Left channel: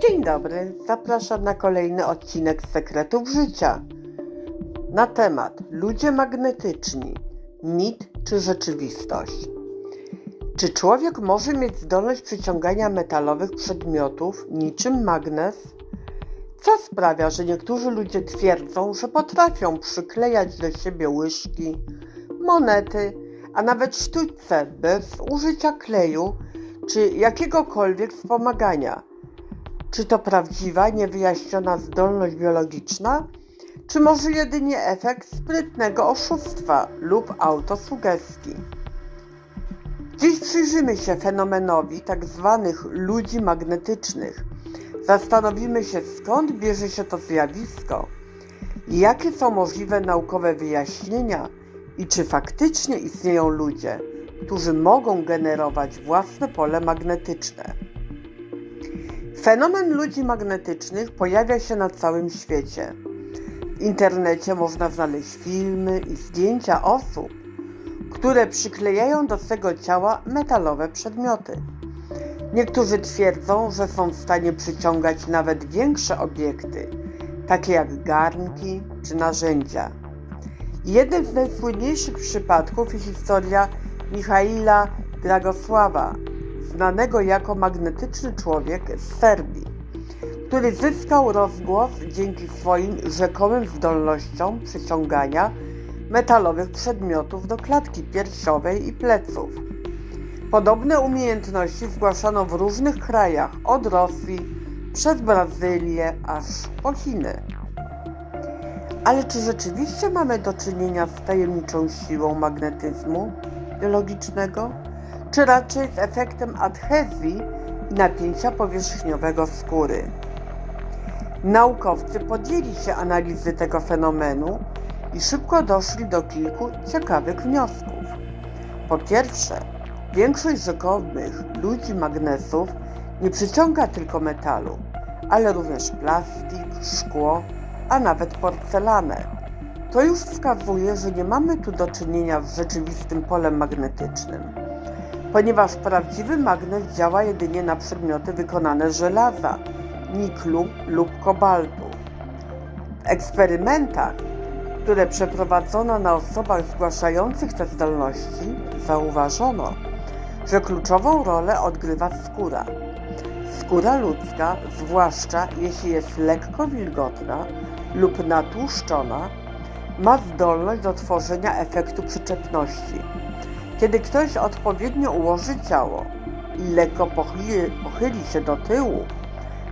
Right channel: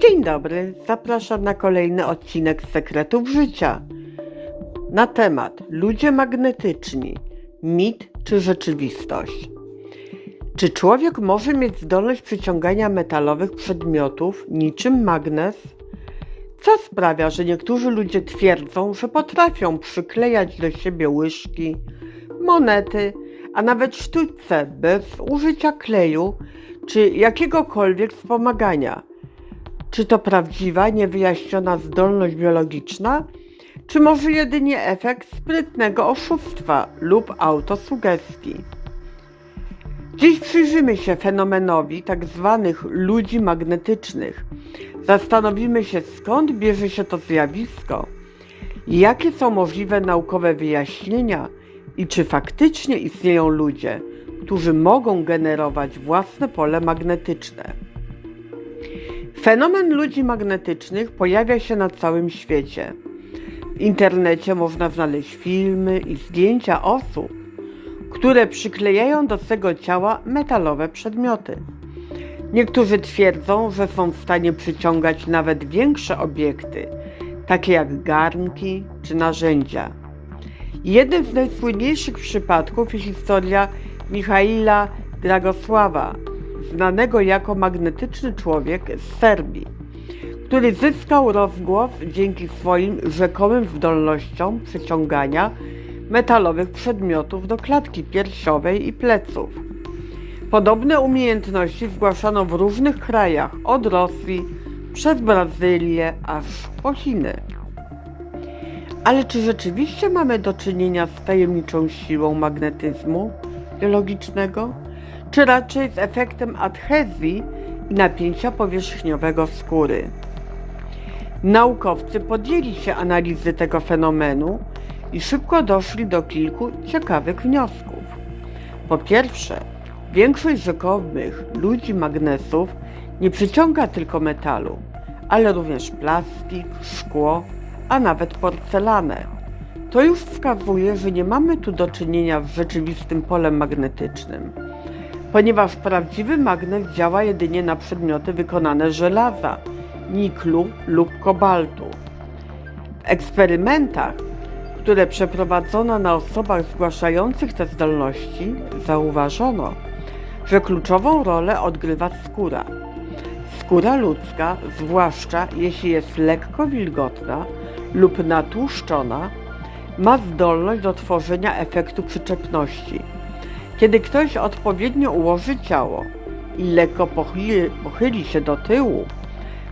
Dzień dobry, zapraszam na kolejny odcinek Sekretów Życia. Na temat ludzie magnetyczni, mit czy rzeczywistość. Czy człowiek może mieć zdolność przyciągania metalowych przedmiotów niczym magnes? Co sprawia, że niektórzy ludzie twierdzą, że potrafią przyklejać do siebie łyżki, monety, a nawet sztućce bez użycia kleju czy jakiegokolwiek wspomagania? Czy to prawdziwa, niewyjaśniona zdolność biologiczna, czy może jedynie efekt sprytnego oszustwa lub autosugestii? Dziś przyjrzymy się fenomenowi tzw. ludzi magnetycznych. Zastanowimy się, skąd bierze się to zjawisko, jakie są możliwe naukowe wyjaśnienia i czy faktycznie istnieją ludzie, którzy mogą generować własne pole magnetyczne. Fenomen ludzi magnetycznych pojawia się na całym świecie. W internecie można znaleźć filmy i zdjęcia osób, które przyklejają do swego ciała metalowe przedmioty. Niektórzy twierdzą, że są w stanie przyciągać nawet większe obiekty, takie jak garnki czy narzędzia. Jednym z najsłynniejszych przypadków jest historia Michaila Dragosława, znanego jako magnetyczny człowiek z Serbii, który zyskał rozgłos dzięki swoim rzekomym zdolnościom przyciągania metalowych przedmiotów do klatki piersiowej i pleców. Podobne umiejętności zgłaszano w różnych krajach, od Rosji przez Brazylię aż po Chiny. Ale czy rzeczywiście mamy do czynienia z tajemniczą siłą magnetyzmu biologicznego? Czy raczej z efektem adhezji i napięcia powierzchniowego skóry. Naukowcy podjęli się analizy tego fenomenu i szybko doszli do kilku ciekawych wniosków. Po pierwsze, większość rzekomych ludzi magnesów nie przyciąga tylko metalu, ale również plastik, szkło, a nawet porcelanę. To już wskazuje, że nie mamy tu do czynienia z rzeczywistym polem magnetycznym ponieważ prawdziwy magnes działa jedynie na przedmioty wykonane z żelaza, niklu lub kobaltu. W eksperymentach, które przeprowadzono na osobach zgłaszających te zdolności, zauważono, że kluczową rolę odgrywa skóra. Skóra ludzka, zwłaszcza jeśli jest lekko wilgotna lub natłuszczona, ma zdolność do tworzenia efektu przyczepności kiedy ktoś odpowiednio ułoży ciało i lekko pochyli, pochyli się do tyłu,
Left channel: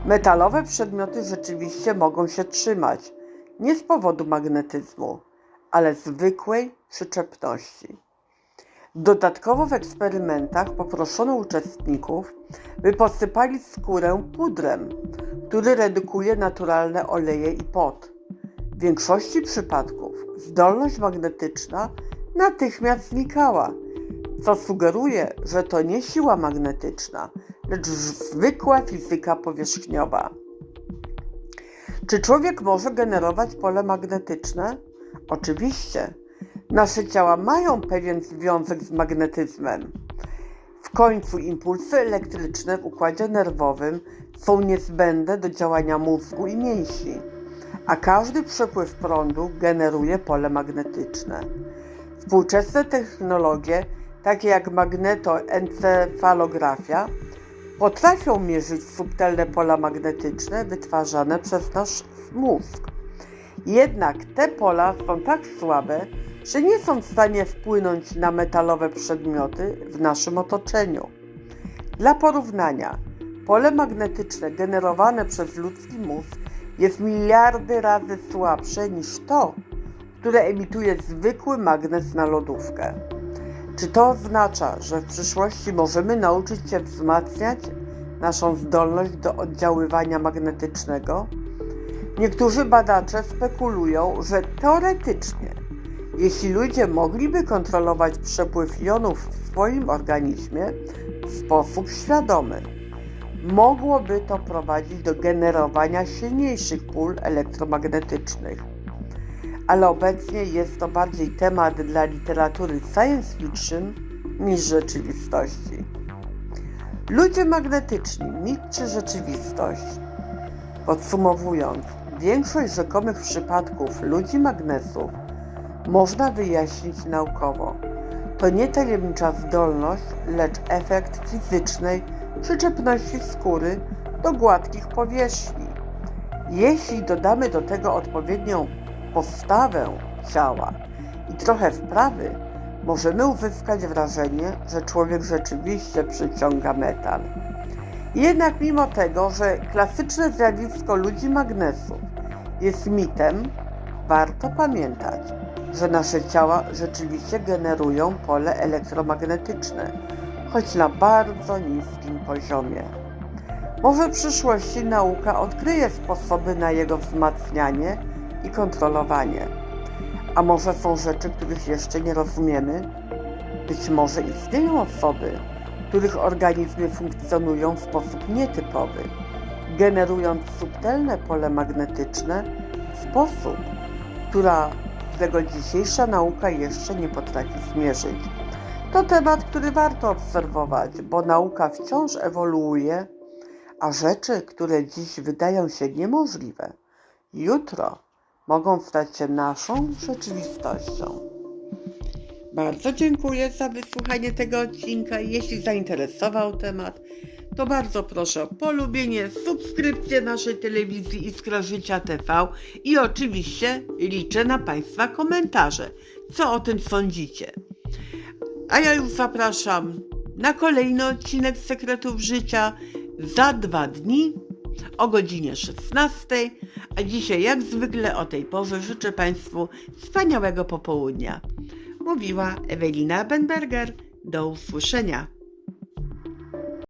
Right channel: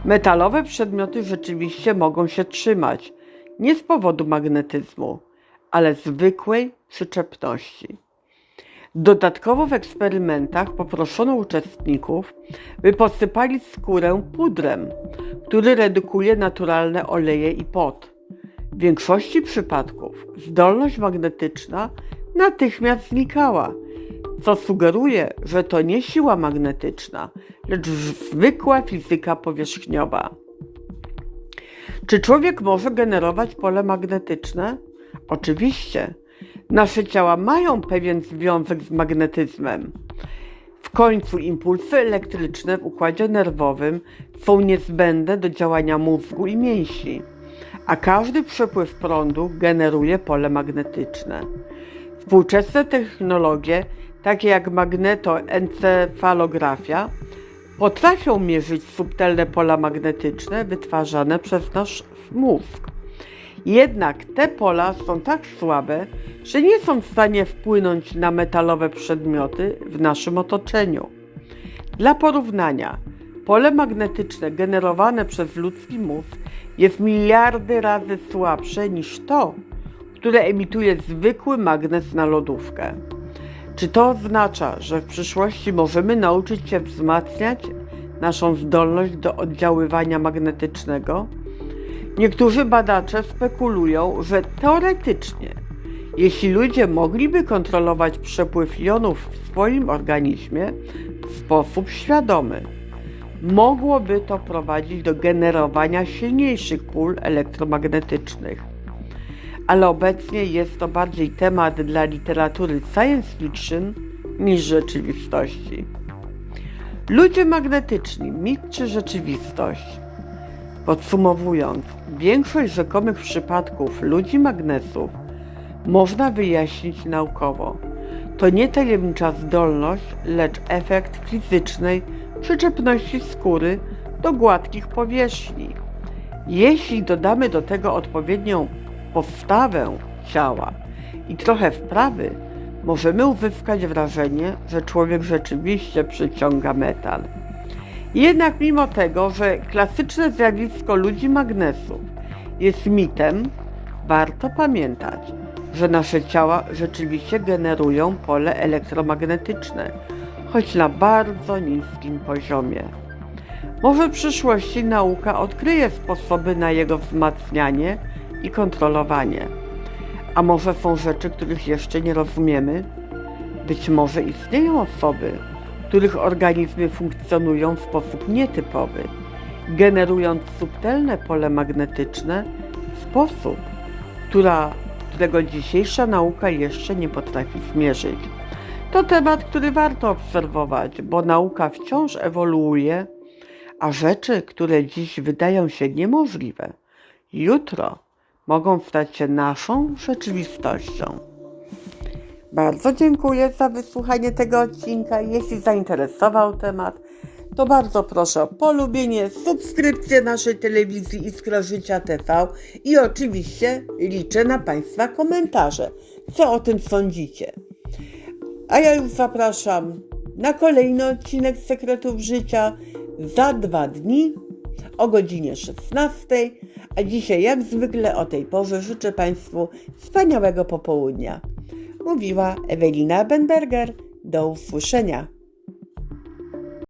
metalowe przedmioty rzeczywiście mogą się trzymać nie z powodu magnetyzmu, ale zwykłej przyczepności. Dodatkowo w eksperymentach poproszono uczestników, by posypali skórę pudrem, który redukuje naturalne oleje i pot. W większości przypadków zdolność magnetyczna natychmiast znikała co sugeruje, że to nie siła magnetyczna, lecz zwykła fizyka powierzchniowa. Czy człowiek może generować pole magnetyczne? Oczywiście. Nasze ciała mają pewien związek z magnetyzmem. W końcu impulsy elektryczne w układzie nerwowym są niezbędne do działania mózgu i mięśni, a każdy przepływ prądu generuje pole magnetyczne. Współczesne technologie takie jak magnetoencefalografia, potrafią mierzyć subtelne pola magnetyczne wytwarzane przez nasz mózg. Jednak te pola są tak słabe, że nie są w stanie wpłynąć na metalowe przedmioty w naszym otoczeniu. Dla porównania, pole magnetyczne generowane przez ludzki mózg jest miliardy razy słabsze niż to, które emituje zwykły magnes na lodówkę. Czy to oznacza, że w przyszłości możemy nauczyć się wzmacniać naszą zdolność do oddziaływania magnetycznego? Niektórzy badacze spekulują, że teoretycznie, jeśli ludzie mogliby kontrolować przepływ jonów w swoim organizmie w sposób świadomy, mogłoby to prowadzić do generowania silniejszych pól elektromagnetycznych ale obecnie jest to bardziej temat dla literatury science fiction niż rzeczywistości. Ludzie magnetyczni, mit czy rzeczywistość? Podsumowując, większość rzekomych przypadków ludzi magnesów można wyjaśnić naukowo. To nie tajemnicza zdolność, lecz efekt fizycznej przyczepności skóry do gładkich powierzchni. Jeśli dodamy do tego odpowiednią postawę ciała i trochę wprawy, możemy uzyskać wrażenie, że człowiek rzeczywiście przyciąga metal. Jednak mimo tego, że klasyczne zjawisko ludzi magnesów jest mitem, warto pamiętać, że nasze ciała rzeczywiście generują pole elektromagnetyczne, choć na bardzo niskim poziomie. Może w przyszłości nauka odkryje sposoby na jego wzmacnianie i kontrolowanie. A może są rzeczy, których jeszcze nie rozumiemy? Być może istnieją osoby, których organizmy funkcjonują w sposób nietypowy, generując subtelne pole magnetyczne w sposób, która, którego dzisiejsza nauka jeszcze nie potrafi zmierzyć. To temat, który warto obserwować, bo nauka wciąż ewoluuje, a rzeczy, które dziś wydają się niemożliwe, jutro mogą stać się naszą rzeczywistością. Bardzo dziękuję za wysłuchanie tego odcinka. Jeśli zainteresował temat, to bardzo proszę o polubienie, subskrypcję naszej telewizji Iskra Życia TV i oczywiście liczę na Państwa komentarze. Co o tym sądzicie? A ja już zapraszam na kolejny odcinek Sekretów Życia za dwa dni o godzinie 16. A dzisiaj, jak zwykle, o tej porze życzę Państwu wspaniałego popołudnia. Mówiła Ewelina Benberger. Do usłyszenia.